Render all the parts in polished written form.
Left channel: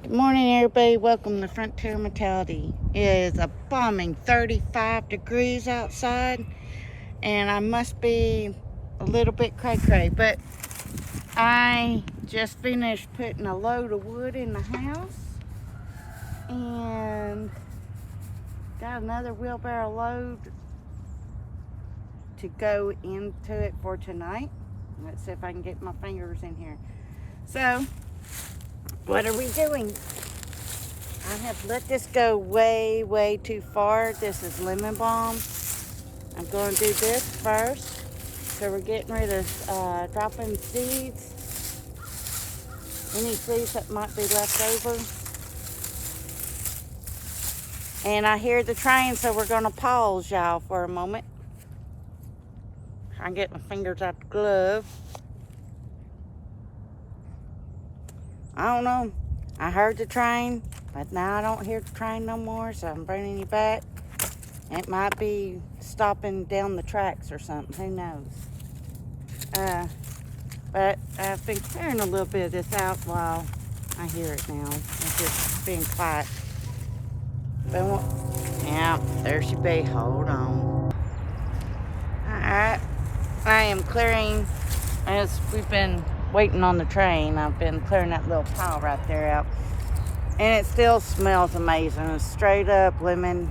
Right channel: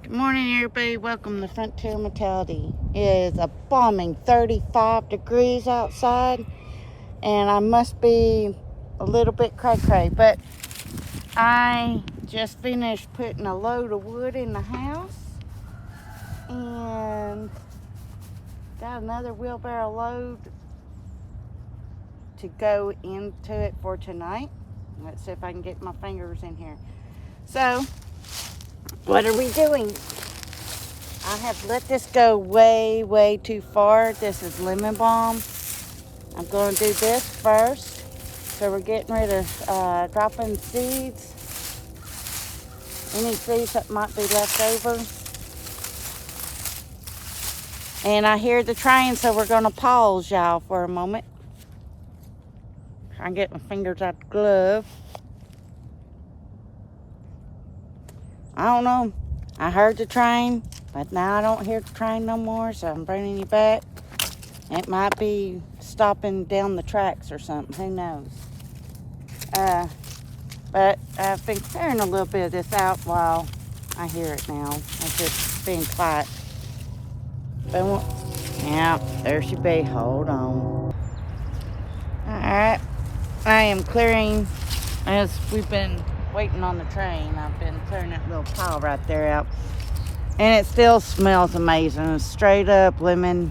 Good morning, everybody. Welcome to Frontier Mentality. It is a balming 35 degrees outside, and I must be a little bit cray-cray, but I just finished putting a load of wood in the house and got another wheelbarrow load to go into it for tonight. Let's see if I can get my fingers in here. So, what are we doing? I have let this go way too far. This is lemon balm. I'm going to do this first. So we're getting rid of dropping seeds. Any seeds that might be left over. And I hear the train, so we're going to pause, y'all, for a moment. I get my fingers out the glove. I don't know. I heard the train, but now I don't hear the train no more, so I'm bringing you back. It might be stopping down the tracks or something. Who knows? But I've been clearing a little bit of this out while I hear it now. It's just being quiet. Boom. Yeah, there she be. Hold on. Alright. I am clearing, as we've been waiting on the train, I've been clearing that little pile right there out. And it still smells amazing. Straight up lemon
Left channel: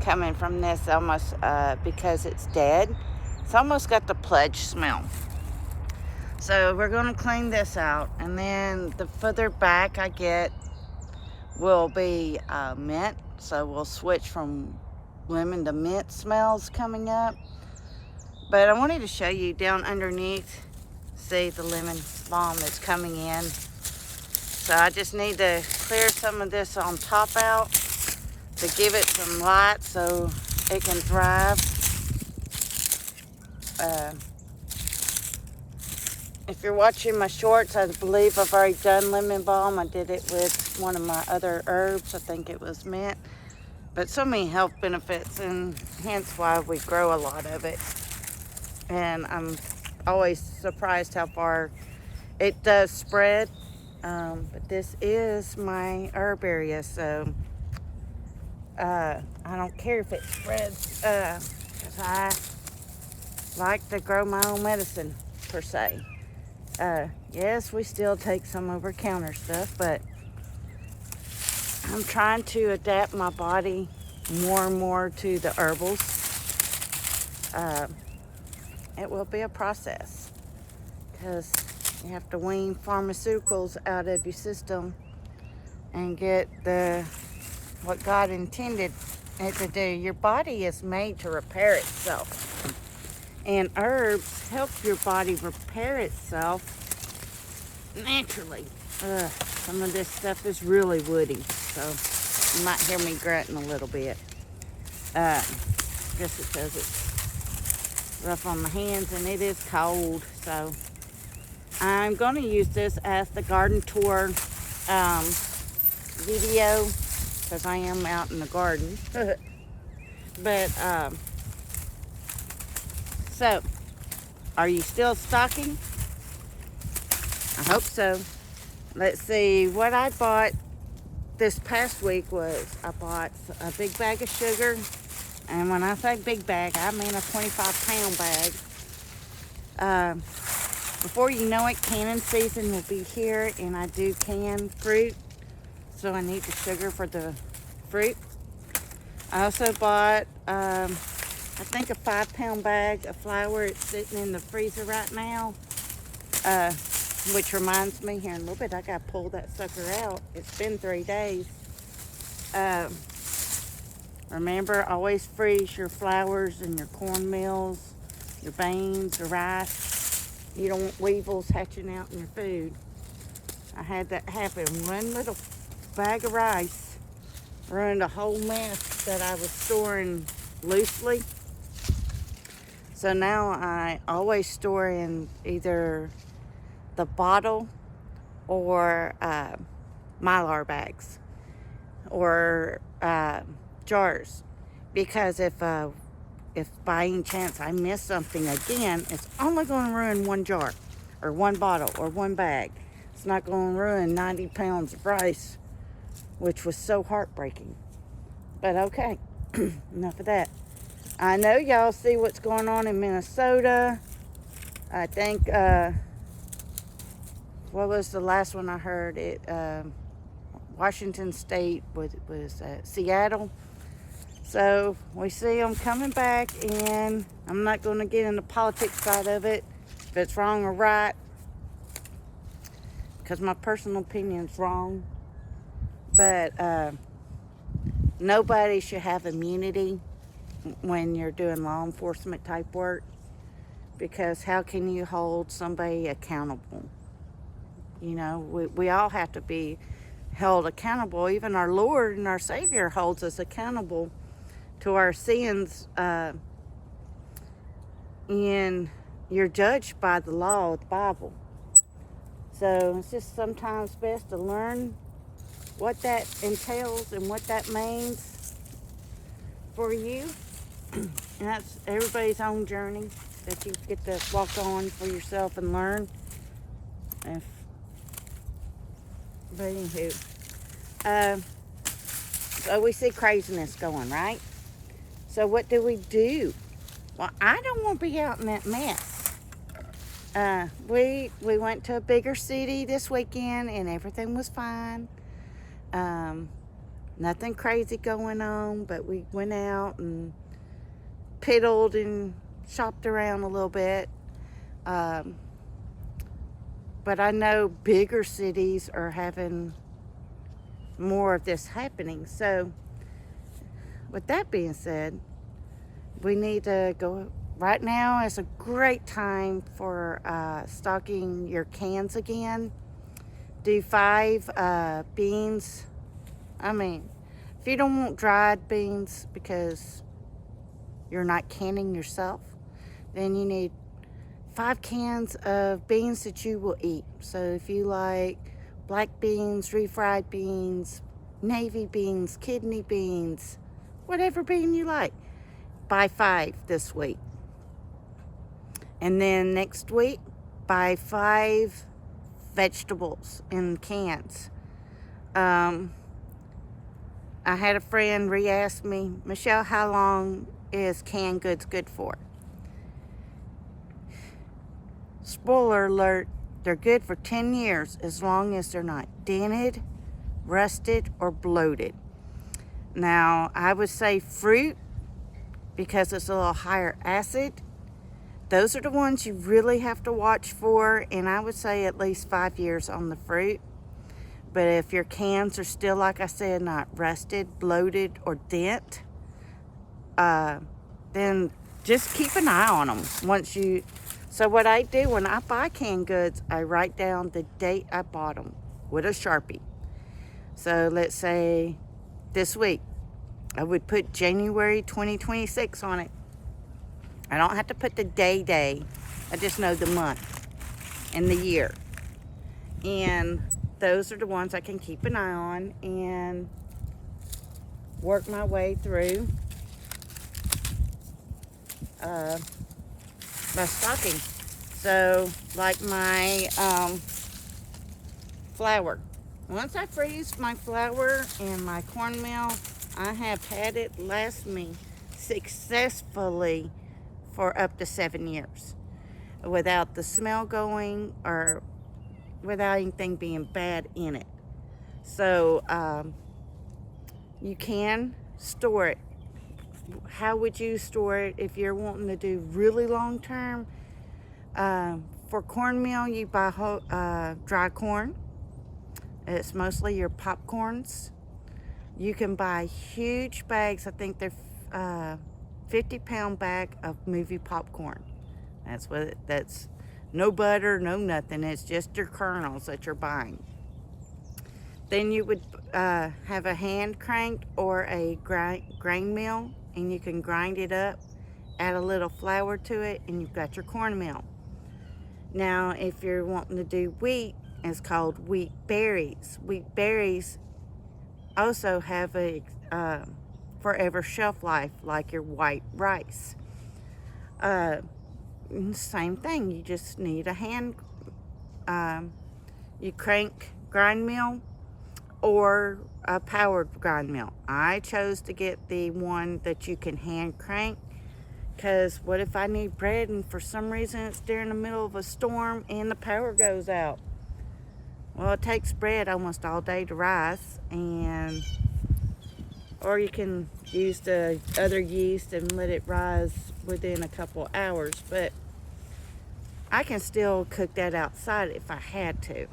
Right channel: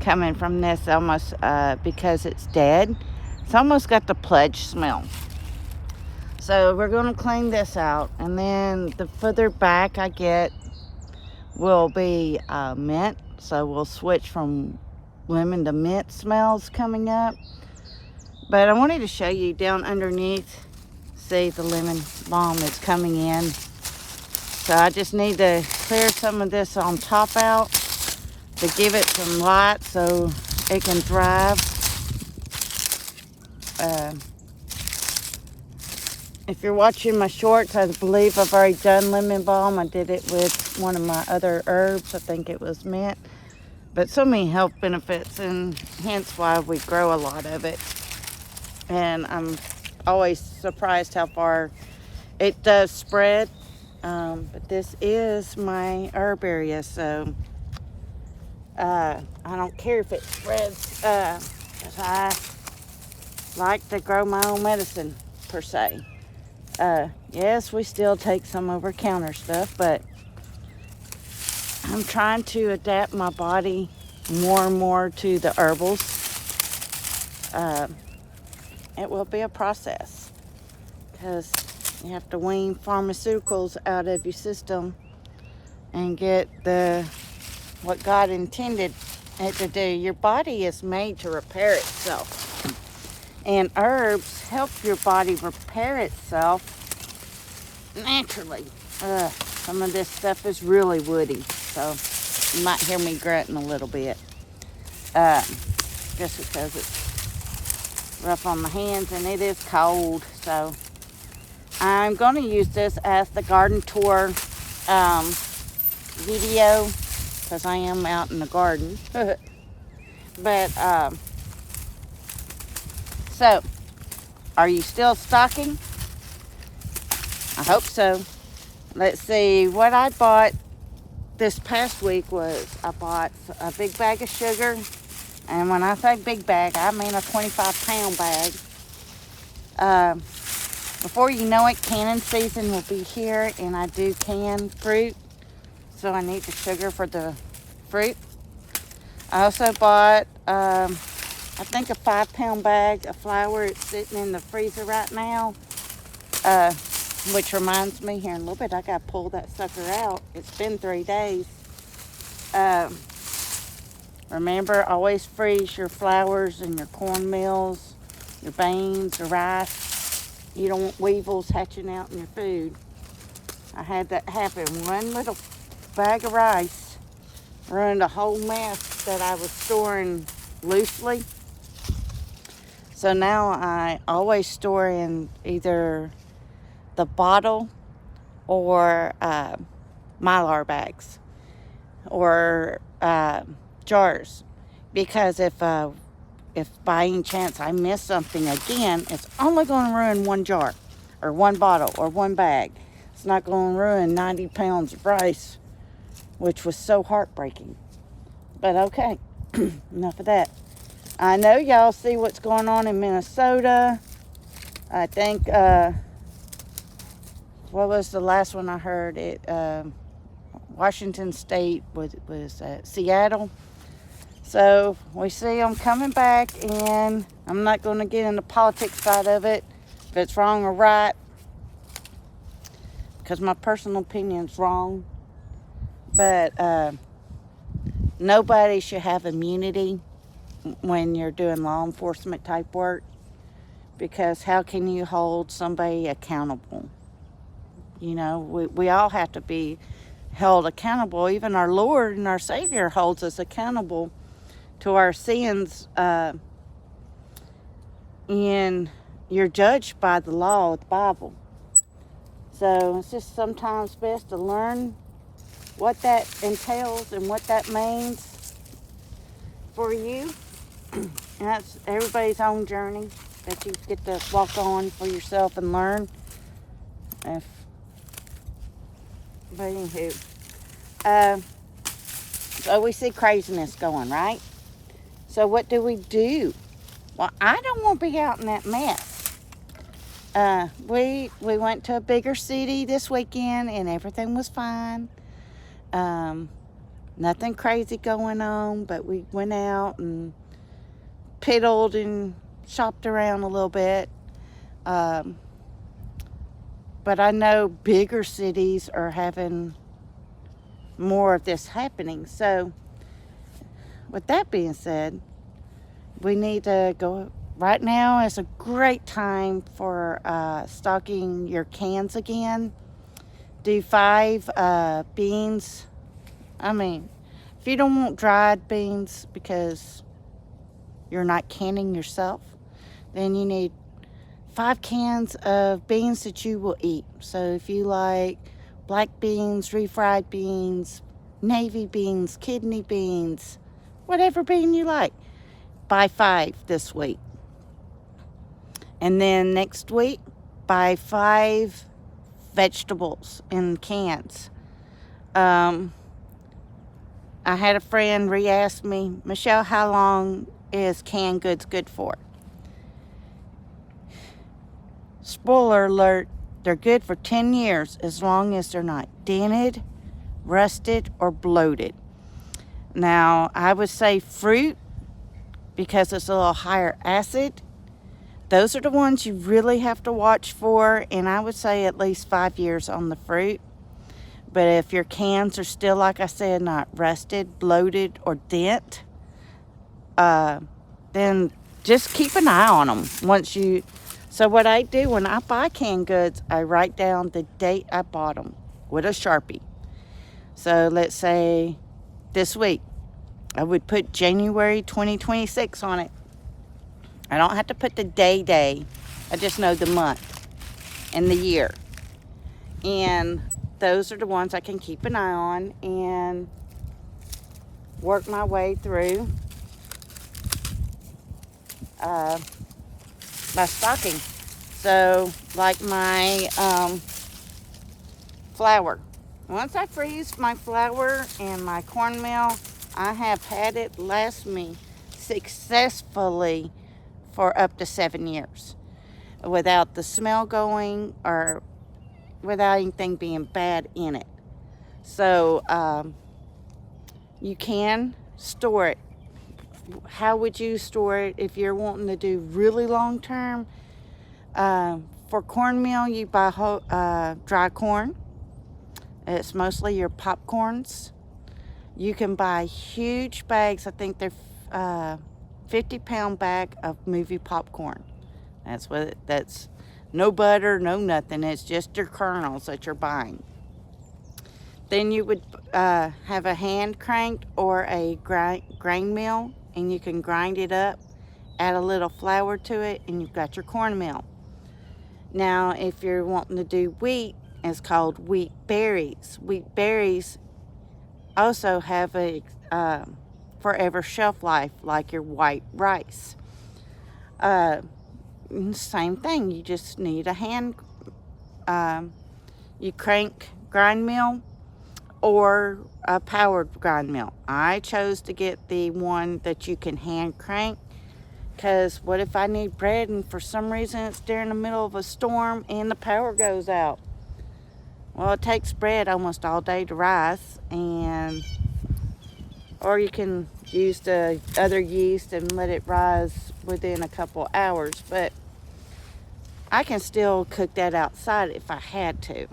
coming from this, almost because it's dead. It's almost got the pledge smell. So we're going to clean this out, and then the further back I get will be mint. So we'll switch from lemon to mint smells coming up. But I wanted to show you down underneath. See, the lemon balm is coming in. So I just need to clear some of this on top out to give it some light so it can thrive. If you're watching my shorts, I believe I've already done lemon balm. I did it with one of my other herbs. I think it was mint. But so many health benefits, and hence why we grow a lot of it. And I'm always surprised how far it does spread. But this is my herb area, so I don't care if it spreads, 'cause I like to grow my own medicine, per se. Yes, we still take some over-counter stuff, but I'm trying to adapt my body more and more to the herbals. It will be a process, because you have to wean pharmaceuticals out of your system and get what God intended it to do. Your body is made to repair itself. And herbs help your body repair itself naturally. Some of this stuff is really woody, so you might hear me grunting a little bit. Just because it's rough on my hands and it is cold. So I'm going to use this as the garden tour video, because I am out in the garden. But so, are you still stocking? I hope so. Let's see, what I bought this past week was I bought a big bag of sugar. And when I say big bag, I mean a 25-pound bag. Before you know it, canning season will be here, and I do can fruit. So I need the sugar for the fruit. I also bought I think a 5-pound bag of flour. It's sitting in the freezer right now. Which reminds me, here in a little bit, I got to pull that sucker out. It's been 3 days. Remember, always freeze your flours and your cornmeals, your beans, your rice. You don't want weevils hatching out in your food. I had that happen. One little bag of rice ruined a whole mess that I was storing loosely. So now I always store in either the bottle or Mylar bags or jars, because if by any chance I miss something again, it's only going to ruin one jar or one bottle or one bag. It's not going to ruin 90 pounds of rice which was so heartbreaking. But okay, enough of that. I know y'all see what's going on in Minnesota. I think, what was the last one I heard? Washington State was Seattle. So we see them coming back, and I'm not going to get in the politics side of it, if it's wrong or right, because my personal opinion's wrong. But nobody should have immunity when you're doing law enforcement type work, because how can you hold somebody accountable? You know, we all have to be held accountable. Even our Lord and our Savior holds us accountable to our sins, and you're judged by the law of the Bible. So it's just sometimes best to learn what that entails and what that means for you. And that's everybody's own journey that you get to walk on for yourself and learn. But anywho, so we see craziness going, right? So what do we do? Well, I don't want to be out in that mess. We went to a bigger city this weekend, and everything was fine. Nothing crazy going on, but we went out and piddled and shopped around a little bit. But I know bigger cities are having more of this happening. So with that being said, we need to go. Right now is a great time for stocking your cans again. Do 5 beans. I mean, if you don't want dried beans because you're not canning yourself, then you need 5 cans of beans that you will eat. So if you like black beans, refried beans, navy beans, kidney beans, whatever bean you like, buy 5 this week. And then next week, buy 5 vegetables in cans. I had a friend re-ask me, Michelle, how long is canned goods good for? Spoiler alert, they're good for 10 years as long as they're not dented, rusted, or bloated. Now, I would say fruit, because it's a little higher acid. Those are the ones you really have to watch for, and I would say at least 5 years on the fruit. But if your cans are still, like I said, not rusted, bloated, or dent, then just keep an eye on them. So what I do when I buy canned goods, I write down the date I bought them with a Sharpie. So let's say this week, I would put January 2026 on it. I don't have to put the day. I just know the month and the year. And those are the ones I can keep an eye on and work my way through my stocking. So like my flour. Once I freeze my flour and my cornmeal, I have had it last me successfully for up to 7 years without the smell going or without anything being bad in it. So you can store it. How would you store it if you're wanting to do really long term? For cornmeal, you buy dry corn. It's mostly your popcorns. You can buy huge bags. I think they're 50-pound bag of movie popcorn. That's no butter, no nothing. It's just your kernels that you're buying. Then you would have a hand cranked or a grain mill, and you can grind it up, add a little flour to it, and you've got your cornmeal. Now, if you're wanting to do wheat, it's called wheat berries. Wheat berries also have a forever shelf life like your white rice. Same thing, you just need a hand, you crank grind mill or a powered grind mill. I chose to get the one that you can hand crank, because what if I need bread and for some reason it's during the middle of a storm and the power goes out? Well, it takes bread almost all day to rise, and or you can use the other yeast and let it rise within a couple hours, but I can still cook that outside if I had to.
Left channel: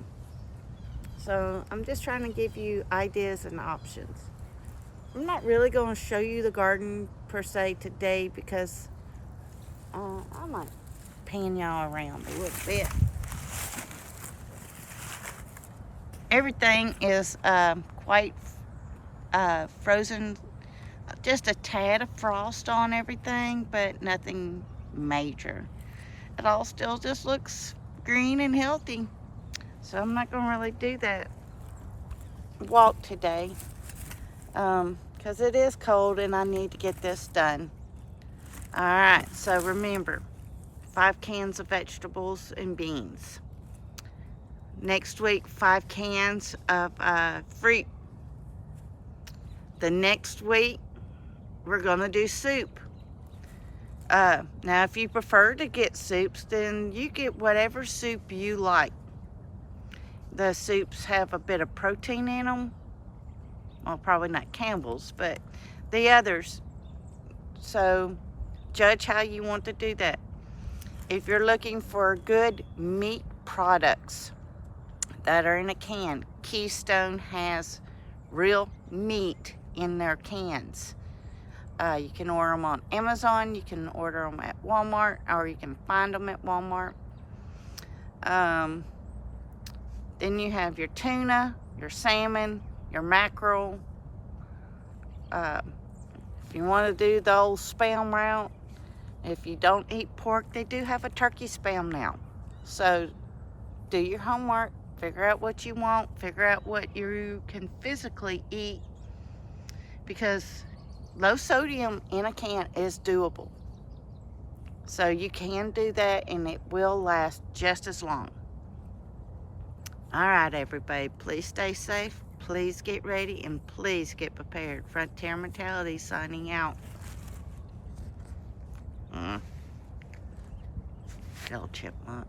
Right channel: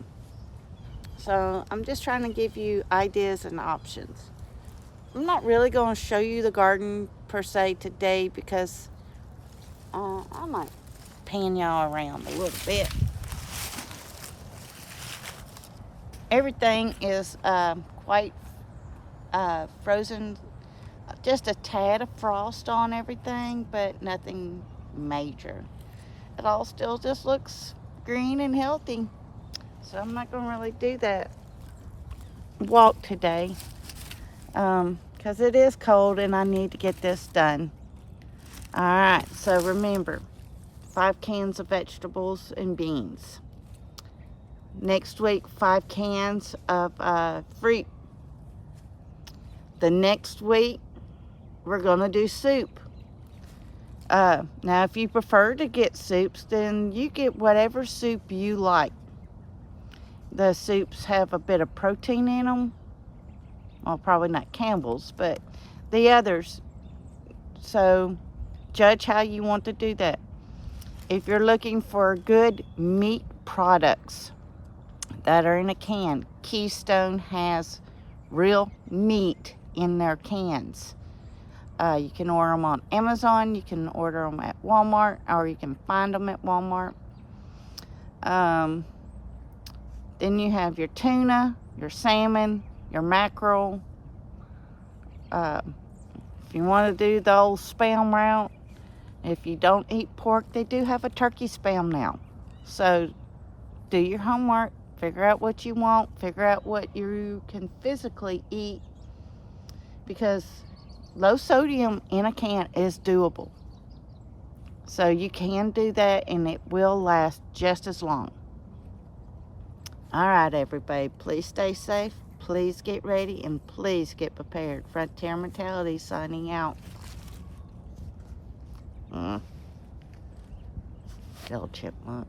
So I'm just trying to give you ideas and options. I'm not really going to show you the garden per se today, because I might pan y'all around a little bit. Everything is quite frozen, just a tad of frost on everything, but nothing major. It all still just looks green and healthy, so I'm not going to really do that walk today, because it is cold and I need to get this done. Alright, so remember, 5 cans of vegetables and beans. Next week, 5 cans of fruit. The next week, we're going to do soup. Now, if you prefer to get soups, then you get whatever soup you like. The soups have a bit of protein in them. Well, probably not Campbell's, but the others. So, judge how you want to do that. If you're looking for good meat products that are in a can, Keystone has real meat in their cans. You can order them on Amazon, you can order them at Walmart, or you can find them at Walmart. Then you have your tuna, your salmon, your mackerel. If you want to do the old Spam route, if you don't eat pork, they do have a turkey Spam now. So do your homework, figure out what you want, figure out what you can physically eat, because low sodium in a can is doable. So you can do that and it will last just as long. Alright everybody, please stay safe, please get ready, and please get prepared. Frontier Mentality signing out. Little chipmunk.